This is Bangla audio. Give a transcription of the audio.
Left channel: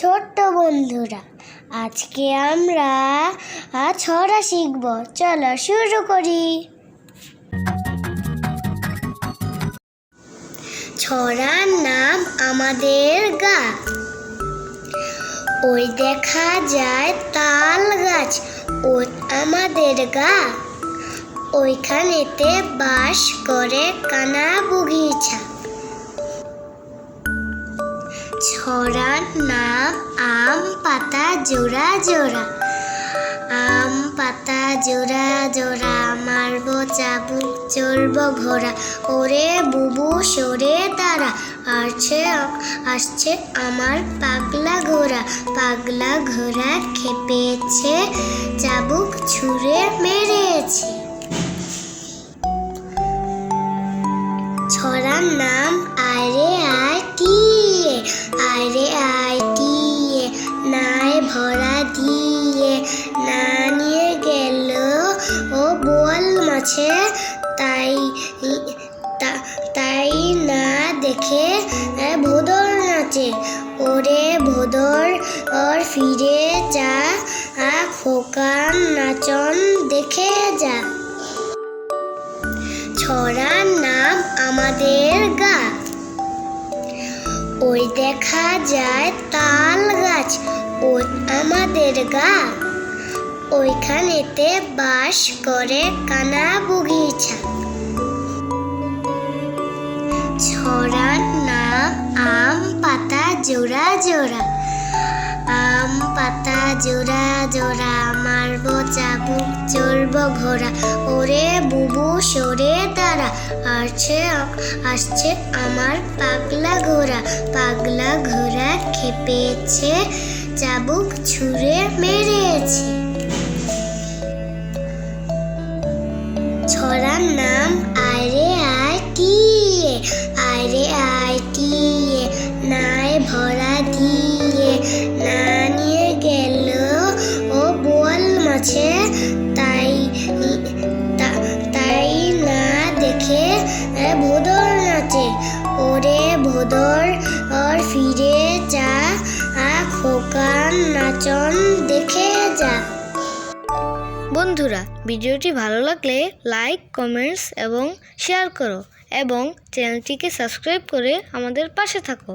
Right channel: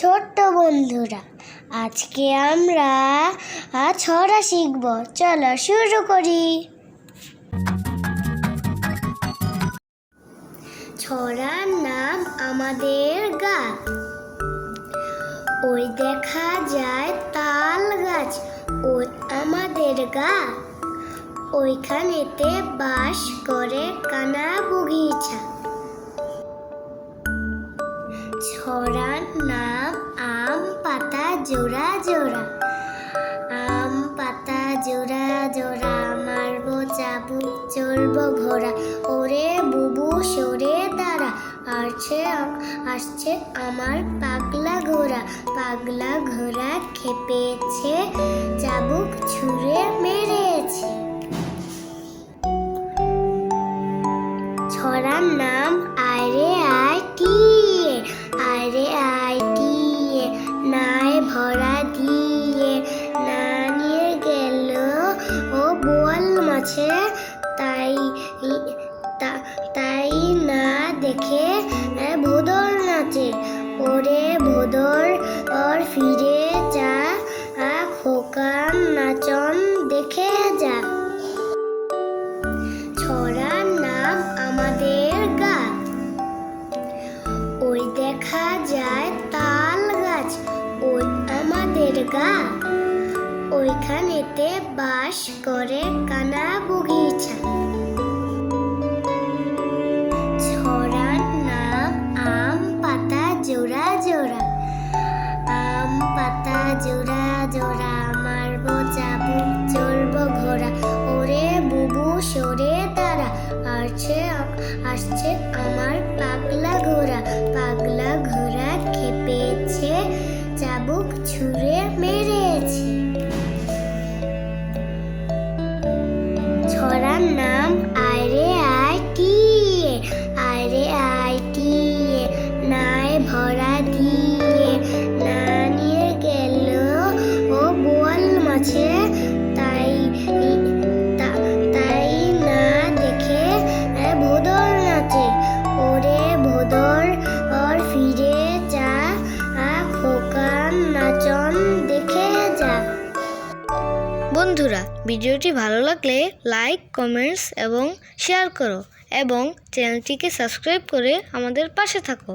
ছোট্ট বন্ধুরা, আজকে আমরা ছড়া শিখব। চলো শুরু করি। ছড়ার নাম আমাদের গা। ওই দেখা যায় তাল গাছ, ওই আমাদের গা। ওইখানেতে বাস করে কানা বগিচা। ছড়ার নাম আম পাতা জোড়া জোড়া। আম পাতা জোড়া জোড়া, মারবো চাবুক চড়বো ঘোড়া। ওরে বুবু সরে দাঁড়া, আসছে আমার পাগলা ঘোড়া। পাগলা ঘোড়া খেপেছে, চাবুক ছুঁড়ে মেরেছে। ছড়ার নাম আয় রে আয় টিয়ে। আয় রে আয় টিয়ে, নায় ভরা দিয়ে। না নিয়ে গেল ও বোয়াল মাছে, তাই না দেখে ভোদর নাচে। ওরে ভোদর ওর ফিরে যা, খোকার নাচন দেখে যা। ছড়ার নাম আমাদের গা। ওই দেখা যায় তাল গাছ, ওই আমাদের গা। ওইখানেতে বাস করে কানা বগিচা। ছড়ার নাম আম পাতা জোড়া জোড়া। আম পাতা জোড়া জোড়া, মারবো চাবুক চড়বো ঘোড়া। ওরে বুবু সরে দাঁড়া, আসছে আমার পাগলা ঘোড়া। পাগলা ঘোড়া খেপেছে, চাবুক ছুঁড়ে মেরেছে। ছড়ার নাম আয় রে আয় টিয়ে। আয় রে আয় টিয়ে, নায় ভরা দিয়ে। না নিয়ে গেল ও বোয়াল মাছে, তাই না দেখে ভোদর নাচে। ওরে ভোদর ওর ফিরে যা, খোকার নাচন দেখে যা। বন্ধুরা, ভিডিওটি ভালো লাগলে লাইক, কমেন্টস এবং শেয়ার করো এবং চ্যানেলটিকে সাবস্ক্রাইব করে আমাদের পাশে থাকো।